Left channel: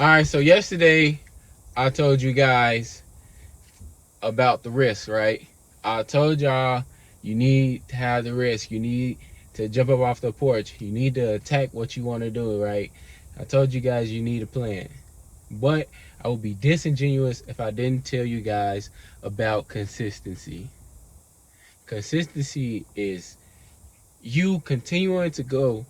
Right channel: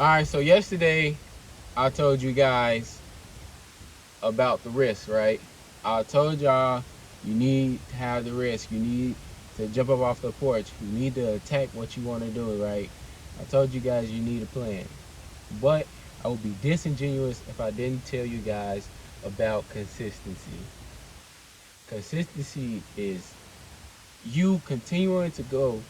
All right, so yesterday I told you guys about the risk, right? I told y'all you need to have the risk. You need to jump up off the porch. You need to attack what you want to do, right? I told you guys you need a plan. But I would be disingenuous if I didn't tell you guys about consistency. Consistency is you continuing to go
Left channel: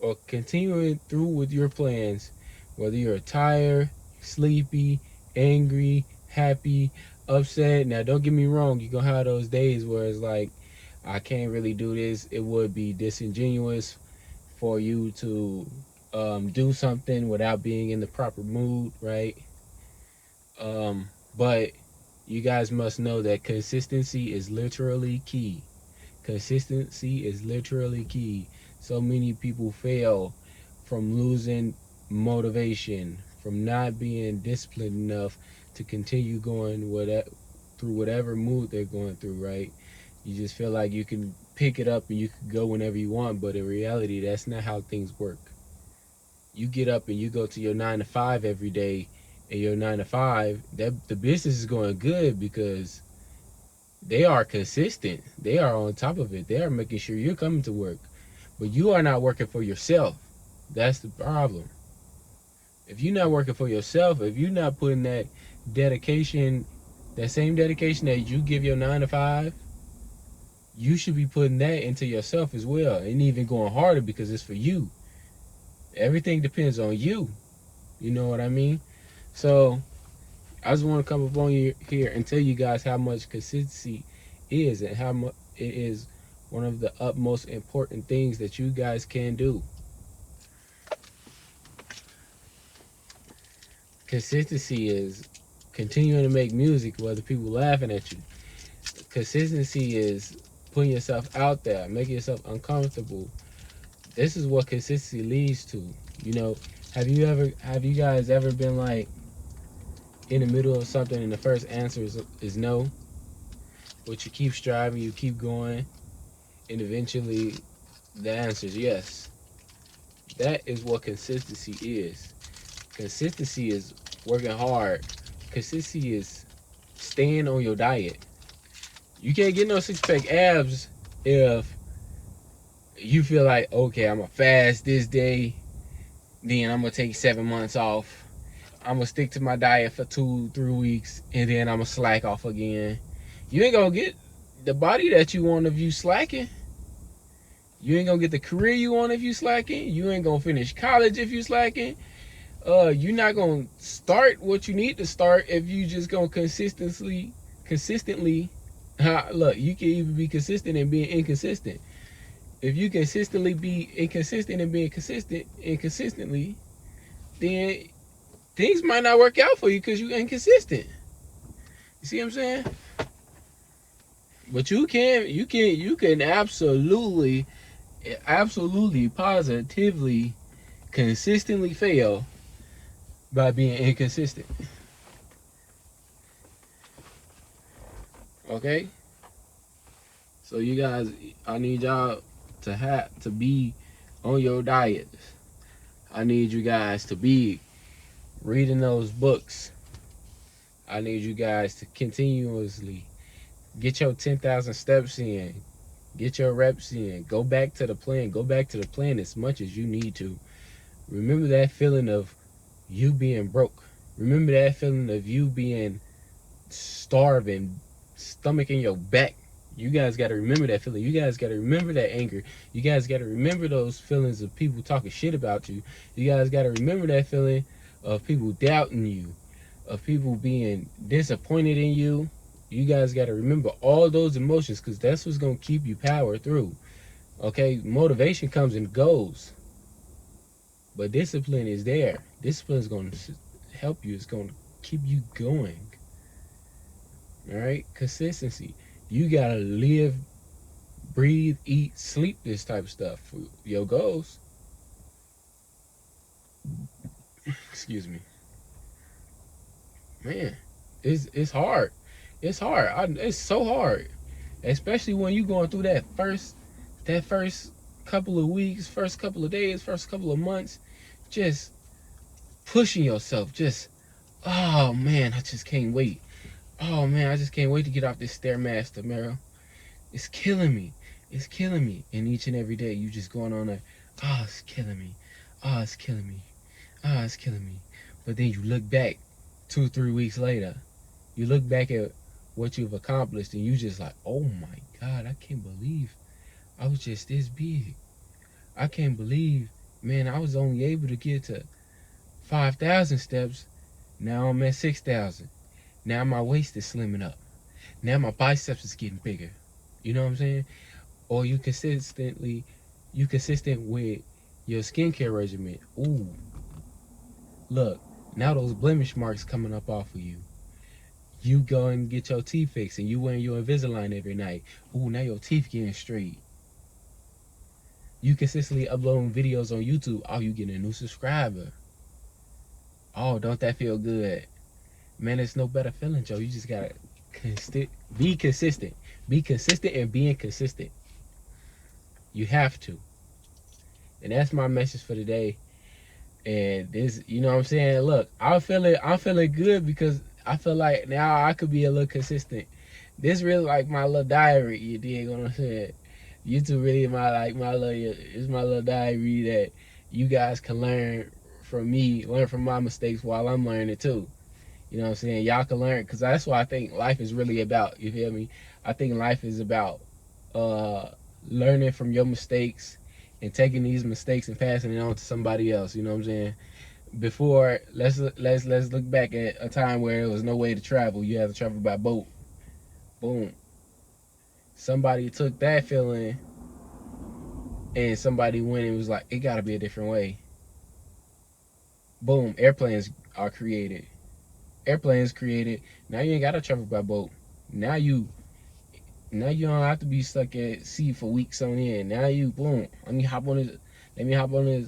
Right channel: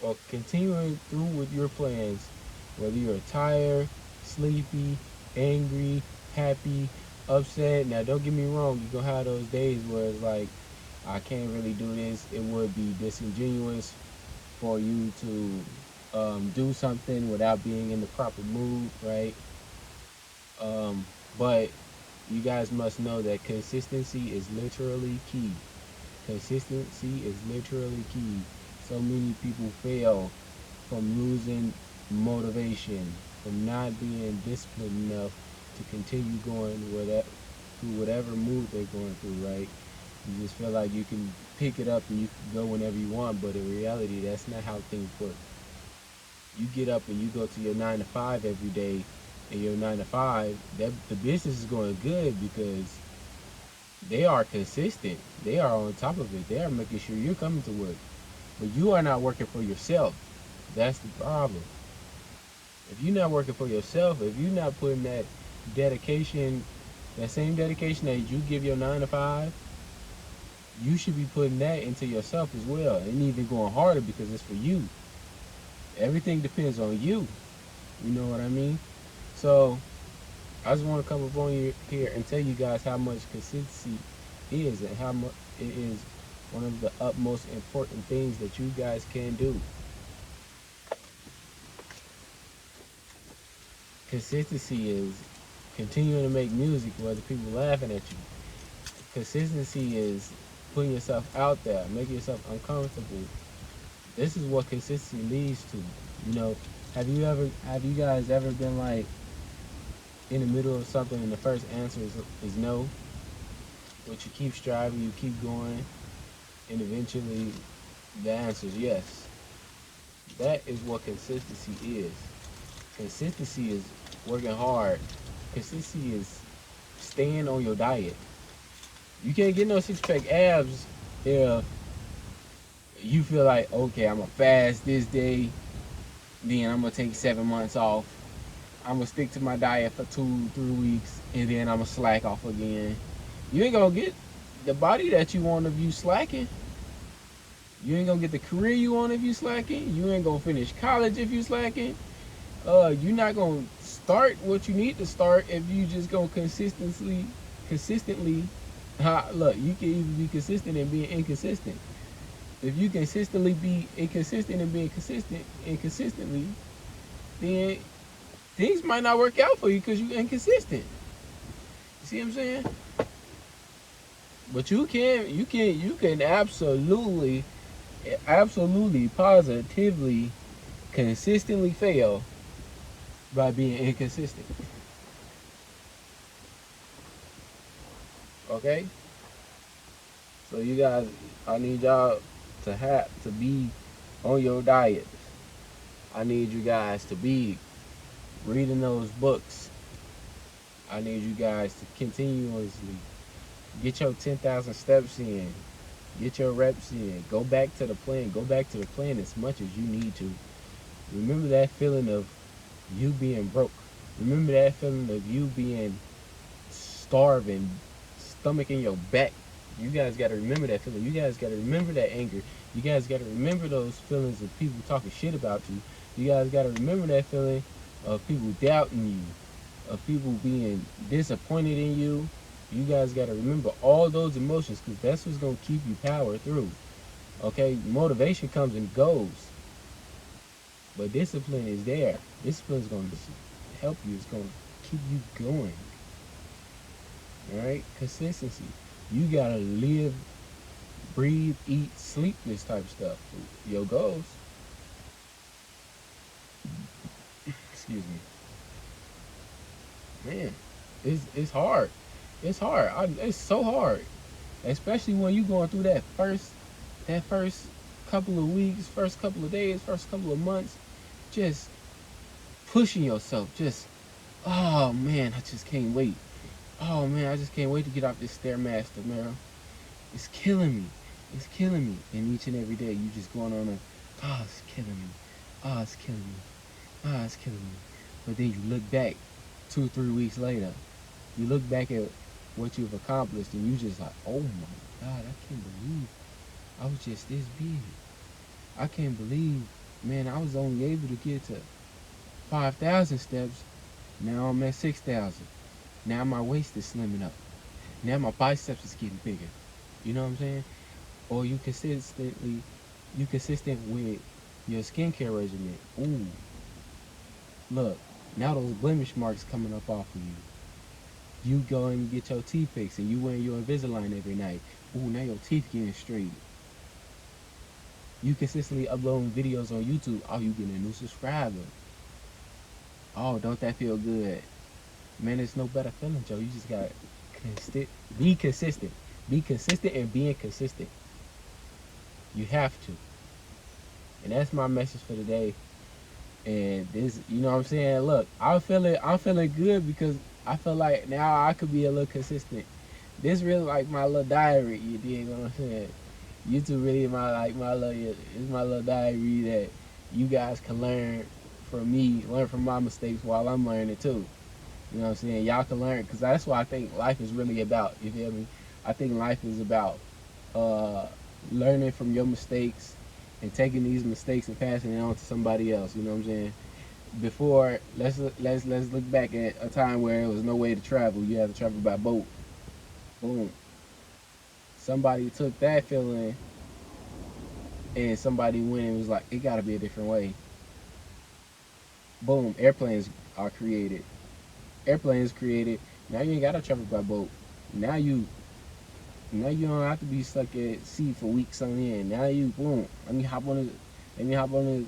or continuing through with your plans, whether you're tired, sleepy, angry, happy, upset. Now, don't get me wrong, you're going to have those days where it's like, I can't really do this. It would be disingenuous for you to do something without being in the proper mood, right? But you guys must know that consistency is literally key. Consistency is literally key. So many people fail from losing motivation, from not being disciplined enough to continue going through whatever mood they're going through, right? You just feel like you can pick it up and you can go whenever you want, but in reality, that's not how things work. You get up and you go to your 9 to 5 every day, and your 9 to 5, that the business is going good because they are consistent. They are on top of it. They are making sure you're coming to work, but you are not working for yourself. That's the problem. If you're not working for yourself, if you're not putting that dedication, that same dedication that you give your 9 to 5, you should be putting that into yourself as well, and even going harder because it's for you. Everything depends on you. You know what I mean? So I just want to come up on you here and tell you guys how much consistency is and how much it is one of the utmost important things that you guys can do. Consistency is continuing to make music whether people laughing at you. Consistency is putting yourself out there, making yourself uncomfortable. This is what consistency leads to. You know, have you guys ever been like in the middle of something and the first answer is no, but you keep striving, you keep going, and eventually the answer is yes. That is what consistency is. Consistency is working hard. Consistency is staying on your diet. You can't get no 6 pack abs if you feel like, okay, I'm gonna fast this day, then I'm gonna take 7 months off. I'm gonna stick to my diet for 2, 3 weeks, and then I'm gonna slack off again. You ain't gonna get the body that you want if you slacking. You ain't gonna get the career you want if you slacking. You ain't gonna finish college if you slacking. You're not gonna start what you need to start if you just gonna consistently. Look, you can even be consistent and being inconsistent. If you consistently be inconsistent and being consistent inconsistently, then things might not work out for you because you're inconsistent. You see what I'm saying? But you can absolutely, positively, consistently fail by being inconsistent. Okay? So you guys, I need y'all to be on your diet. I need you guys to be reading those books. I need you guys to continuously get your 10,000 steps in. Get your reps in. Go back to the plan. Go back to the plan as much as you need to. Remember that feeling of you being broke. Remember that feeling of you being starving, stomach in your back. You guys got to remember that feeling. You guys got to remember that anger. You guys got to remember those feelings of people talking shit about you. You guys got to remember that feeling of people doubting you, of people being disappointed in you. You guys got to remember all those emotions because that's what's going to keep you power through. Okay, motivation comes and goes, but discipline is there. Discipline is going to help you. It's going to keep you going. All right, consistency. You gotta live, breathe, eat, sleep this type of stuff. Your goals. Excuse me, man. It's hard. It's hard. It's so hard, especially when you going through that first couple of weeks, first couple of days, first couple of months, just pushing yourself. Just, oh man, I just can't wait. Oh man, I just can't wait to get off this Stairmaster, Meryl. It's killing me. It's killing me. And each and every day, you just going on a, oh, it's killing me. Oh, it's killing me. Oh, it's killing me. But then you look back 2, 3 weeks later, you look back at what you've accomplished, and you just like, oh my God, I can't believe I was just this big. I can't believe, man, I was only able to get to 5,000 steps. Now I'm at 6,000. Now my waist is slimming up. Now my biceps is getting bigger. You know what I'm saying? Or you consistent with your skincare regimen. Ooh, look, now those blemish marks coming up off of you. You go and get your teeth fixed, and you wearing your Invisalign every night. Ooh, now your teeth getting straight. You consistently uploading videos on YouTube. Oh, you getting a new subscriber. Oh, don't that feel good? Man, it's no better feeling, Joe. You just gotta be consistent. Be consistent and being consistent. You have to. And that's my message for today. And this, you know what I'm saying? Look, I'm feeling good because I feel like now I could be a little consistent. This really like my little diary, you dig what I'm saying? YouTube really is my little diary that you guys can learn from me, learn from my mistakes while I'm learning too. You know what I'm saying? Y'all can learn, because that's what I think life is really about. You feel me? I think life is about uh, learning from your mistakes and taking these mistakes and passing it on to somebody else. You know what I'm saying? Before, let's look back at a time where there was no way to travel. You had to travel by boat. Boom. Somebody took that feeling and somebody went and was like, it got to be a different way. Boom. Airplanes are created. Airplanes created. Now you ain't got to travel by boat. Now you don't have to be stuck at sea for weeks on end. Now you, boom. Let me hop on this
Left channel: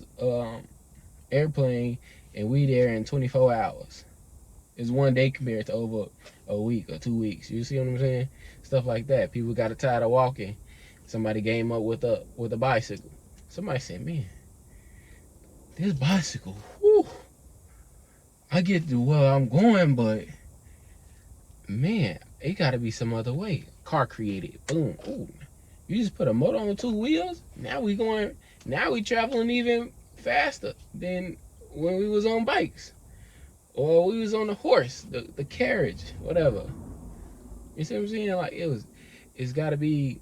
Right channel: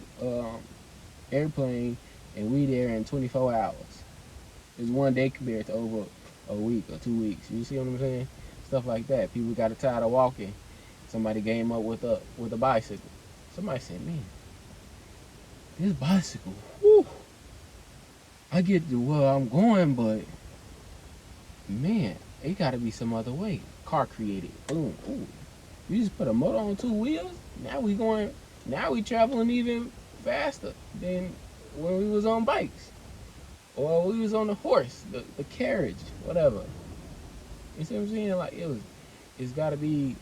airplane, and we there in 24 hours. It's one day compared to over a week or 2 weeks. You see what I'm saying? Stuff like that. People got tired of walking. Somebody came up with a bicycle. Somebody said, man, this bicycle, whew, I get to where I'm going, but man, it got to be some other way. Car created. Boom. Ooh. You just put a motor on 2 wheels. Now we traveling even faster than when we was on bikes, or we was on the horse, the carriage, whatever. You see what I'm saying? Like it's got to be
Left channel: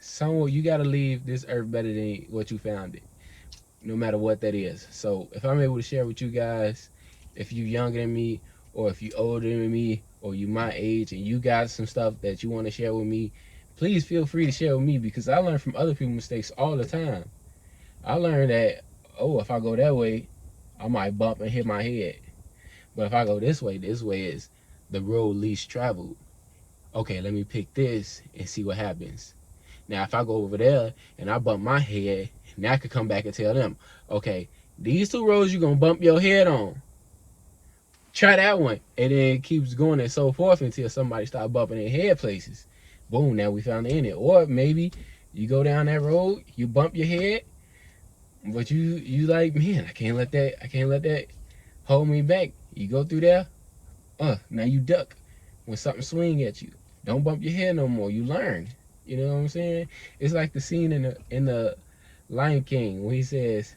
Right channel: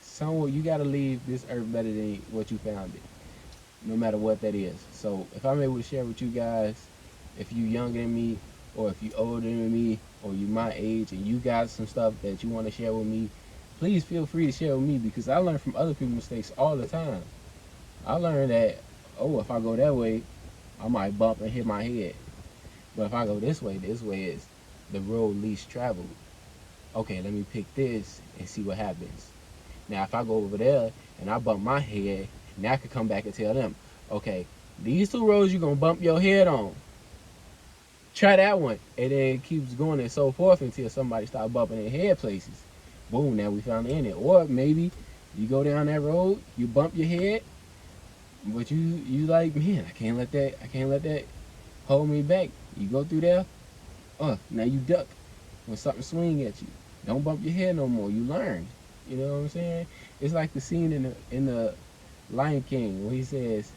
somewhere. You got to leave this earth better than what you found it, no matter what that is. So if I'm able to share with you guys, if you younger than me, or if you older than me, or you my age, and you got some stuff that you want to share with me, please feel free to share with me, because I learn from other people's mistakes all the time. I learned that, oh, if I go that way, I might bump and hit my head. But if I go this way is the road least traveled. Okay, let me pick this and see what happens. Now, if I go over there and I bump my head, now I could come back and tell them, okay, these 2 roads you're going to bump your head on. Try that one. And then it keeps going and so forth until somebody start bumping their head places. Boom, now we found the end. Or maybe you go down that road, you bump your head, but you like, man, I can't let that hold me back. You go through there, now you duck when something swing at you. Don't bump your head no more. You learn. You know what I'm saying? It's like the scene in the Lion King when he says,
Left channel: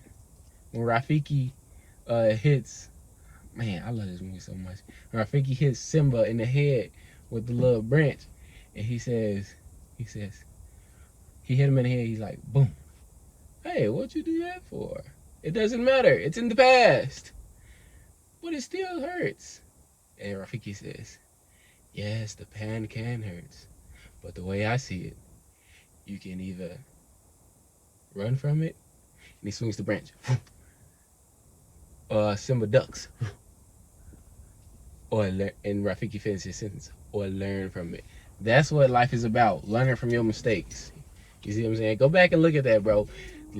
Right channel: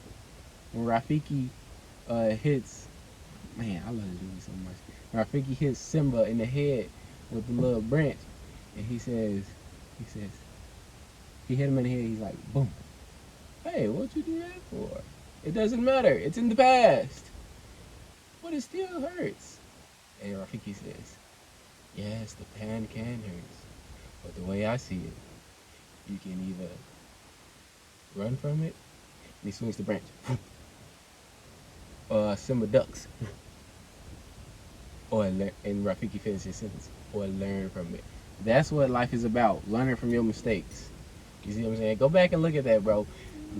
when Rafiki hits, man, I love this movie so much. When Rafiki hits Simba in the head with the little branch, and he hit him in the head. He's like, boom. Hey, what'd you do that for? It doesn't matter. It's in the past. But it still hurts. And Rafiki says, yes, the pain can hurt. But the way I see it, you can either run from it, and he swings the branch, or Simba ducks, and Rafiki finishes his sentence, or learn from it. That's what life is about, learning from your mistakes. You see what I'm saying? Go back and look at that, bro.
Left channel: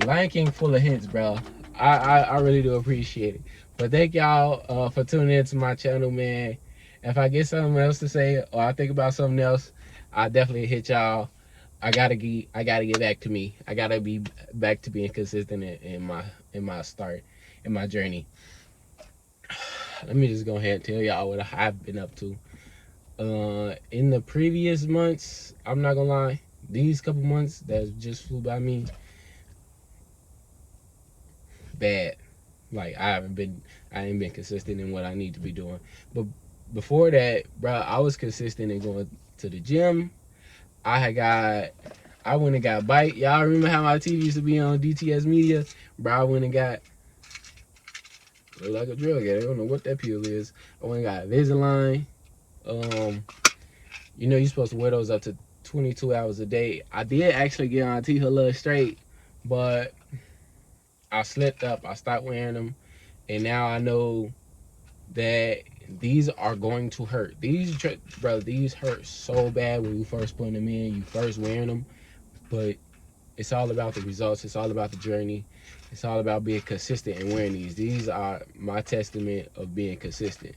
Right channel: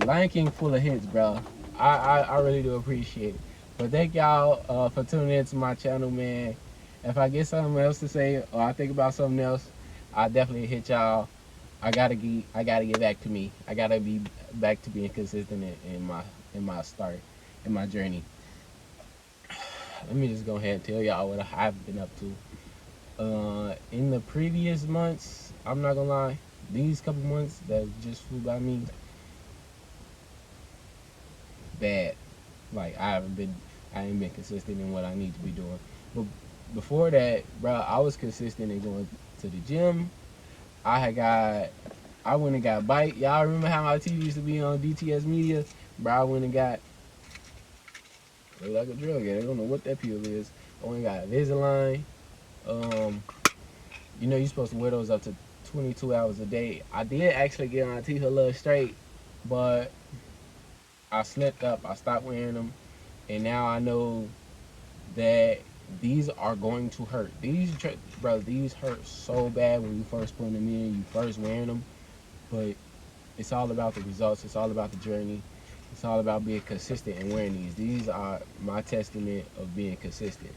Lion King full of hints, bro. I really do appreciate it. But thank y'all for tuning in to my channel, man. If I get something else to say, or I think about something else, I definitely hit y'all. I gotta get back to me. I gotta be back to being consistent in my journey. let me just go ahead and tell y'all what I've been up to. In the previous months, I'm not gonna lie, these couple months that just flew by me, bad. Like I ain't been consistent in what I need to be doing. But before that, bro, I was consistent in going to the gym. I went and got bike. Y'all remember how my TV used to be on DTS Media? Bro, I went and got, look like a drill guy. I don't know what that pill is. I went and got Invisalign. Um, you're supposed to wear those up to 22 hours a day. I did actually get my teeth a little straight, but I slipped up. I stopped wearing them, and now I know that these are going to hurt. These hurt so bad when you first put them in, you first wearing them, but it's all about the results. It's all about the journey. It's all about being consistent and wearing these. These are my testament of being consistent.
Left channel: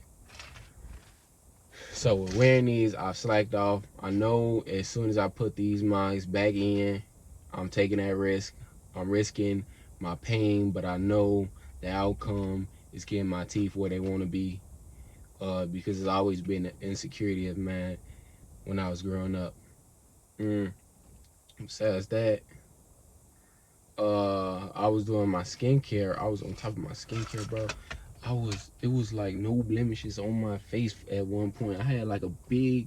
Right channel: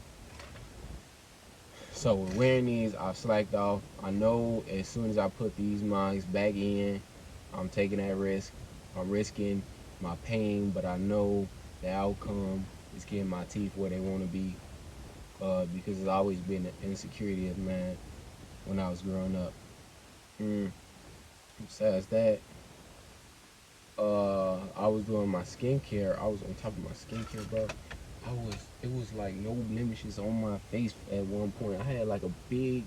So with wearing these, I've slacked off. I know as soon as I put these mics back in, I'm taking that risk. I'm risking my pain, but I know the outcome is getting my teeth where they want to be. Because it's always been an insecurity of mine when I was growing up. Besides that, I was doing my skincare. I was on top of my skincare, bro. It was like no blemishes on my face at one point. I had like a big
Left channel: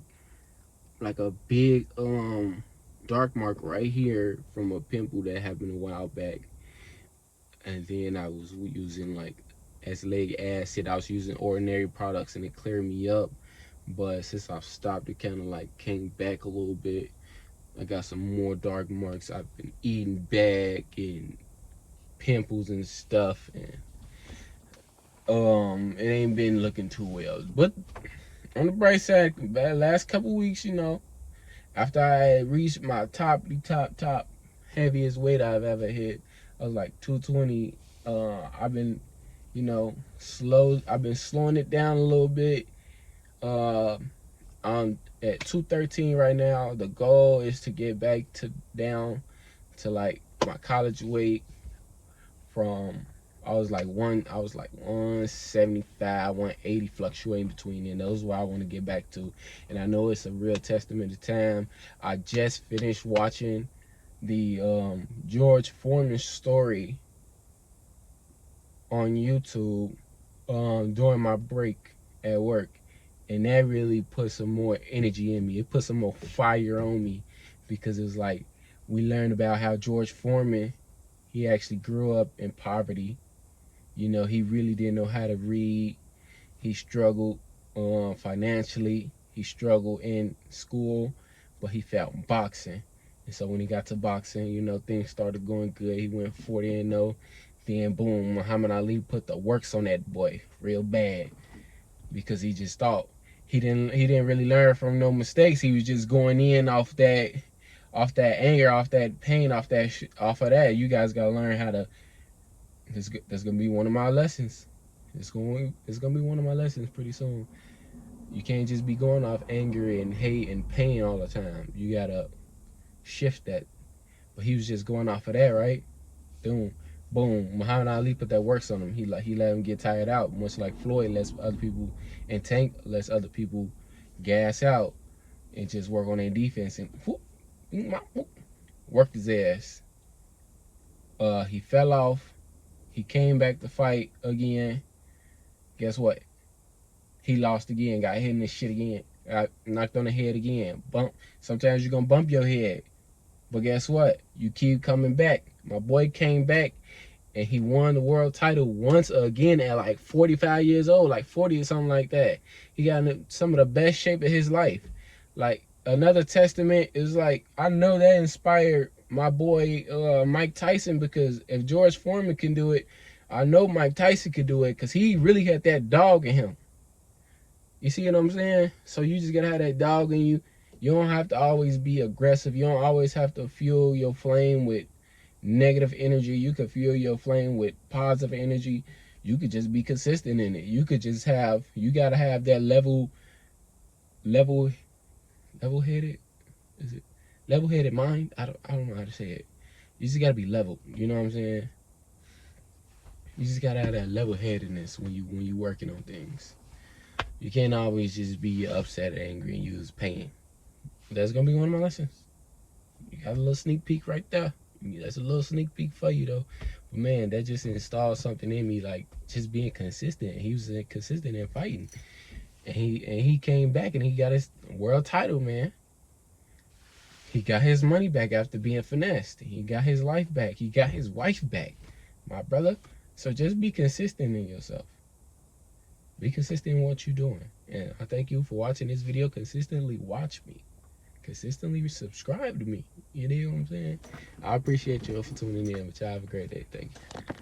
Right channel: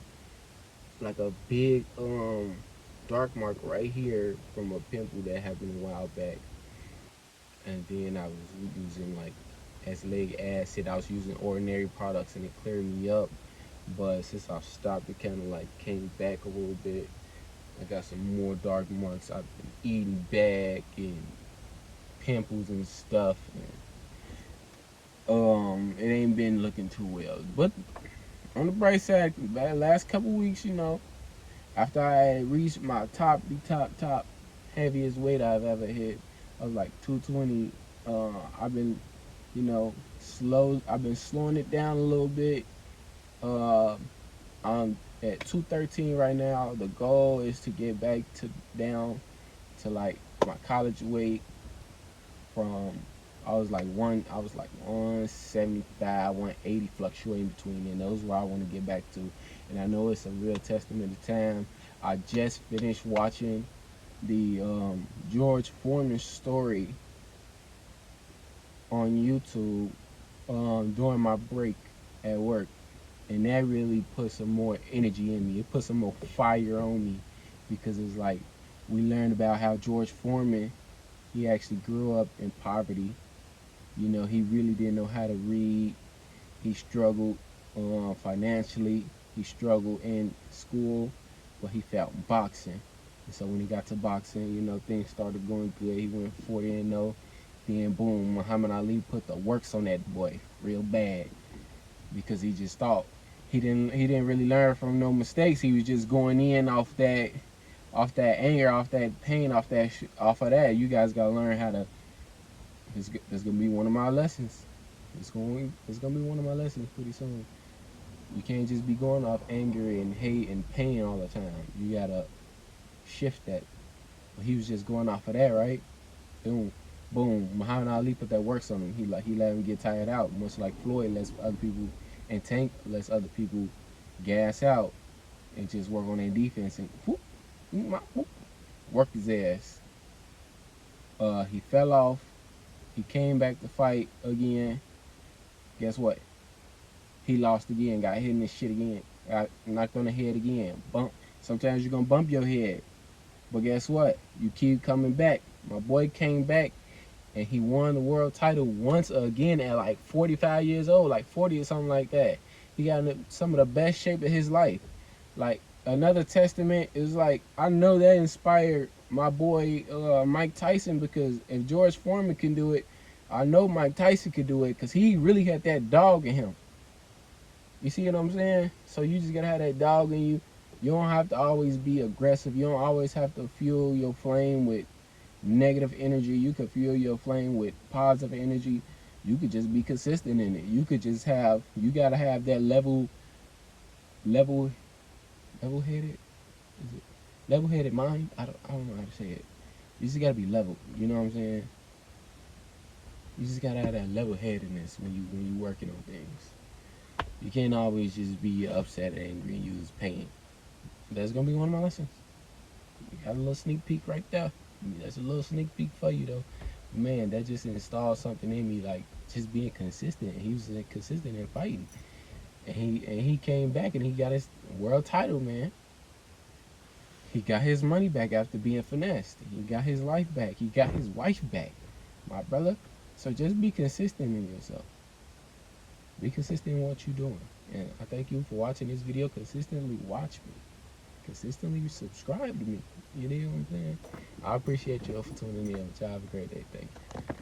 dark mark right here from a pimple that happened a while back. And then I was using like azelaic acid. I was using ordinary products and it cleared me up. But since I've stopped, it kind of like came back a little bit. I got some more dark marks. I've been eating back and pimples and stuff, and it ain't been looking too well. But on the bright side, the last couple weeks, after I reached my top heaviest weight I've ever hit, I was like 220. I've been, slow. I've been slowing it down a little bit. Uh, I'm at 213 right now. The goal is to get back to down to like my college weight from I was like 175, 180 fluctuating between and those are where I want to get back to. And I know it's a real testament to time. I just finished watching the George Foreman story on YouTube during my break at work, and that really put some more energy in me. It put some more fire on me because it was like we learned about how George Foreman, he actually grew up in poverty. He really didn't know how to read. He struggled financially. He struggled in school, but he felt in boxing. And so when he got to boxing, things started going good. He went 40-0. Then boom, Muhammad Ali put the works on that boy real bad because he just thought he didn't really learn from no mistakes. He was just going in off that anger, off that pain, off of that. You guys gotta learn how to. That's gonna be one of my lessons. It's gonna be one of my lessons pretty soon. You can't just be going off anger and hate and pain all the time. You gotta shift that. But he was just going off of that, right? Boom, boom. Muhammad Ali put that works on him. He let him get tired out, much like Floyd lets other people, and Tank lets other people gas out and just work on their defense and whoop, whoop, worked his ass. He fell off. He came back to fight again. Guess what? He lost again. Got hit in the shit again. Got knocked on the head again. Bump. Sometimes you're gonna bump your head, but guess what? You keep coming back. My boy came back and he won the world title once again at like 45 years old, like 40 or something like that. He got in some of the best shape of his life. Like another testament is like I know that inspired my boy Mike Tyson, because if George Foreman can do it, I know Mike Tyson could do it because he really had that dog in him. You see what I'm saying? So you just gotta have that dog in you. You don't have to always be aggressive. You don't always have to fuel your flame with negative energy. You could fuel your flame with positive energy. You could just be consistent in it. You gotta have that level headed. Is it level headed mind? I don't know how to say it. You just gotta be level. You know what I'm saying? You just gotta have that level-headedness when you working on things. You can't always just be upset, angry, and use pain. That's gonna be one of my lessons. You got a little sneak peek right there. That's a little sneak peek for you though. But man, that just installed something in me, like just being consistent. He was consistent in fighting, and he came back and he got his world title, man. He got his money back after being finessed. He got his life back. He got his wife back, my brother. So just be consistent in yourself. Be consistent in what you're doing. And I thank you for watching this video. Consistently watch me. Consistently subscribe to me. You know what I'm saying? I appreciate you all for tuning in. But y'all have a great day. Thank you.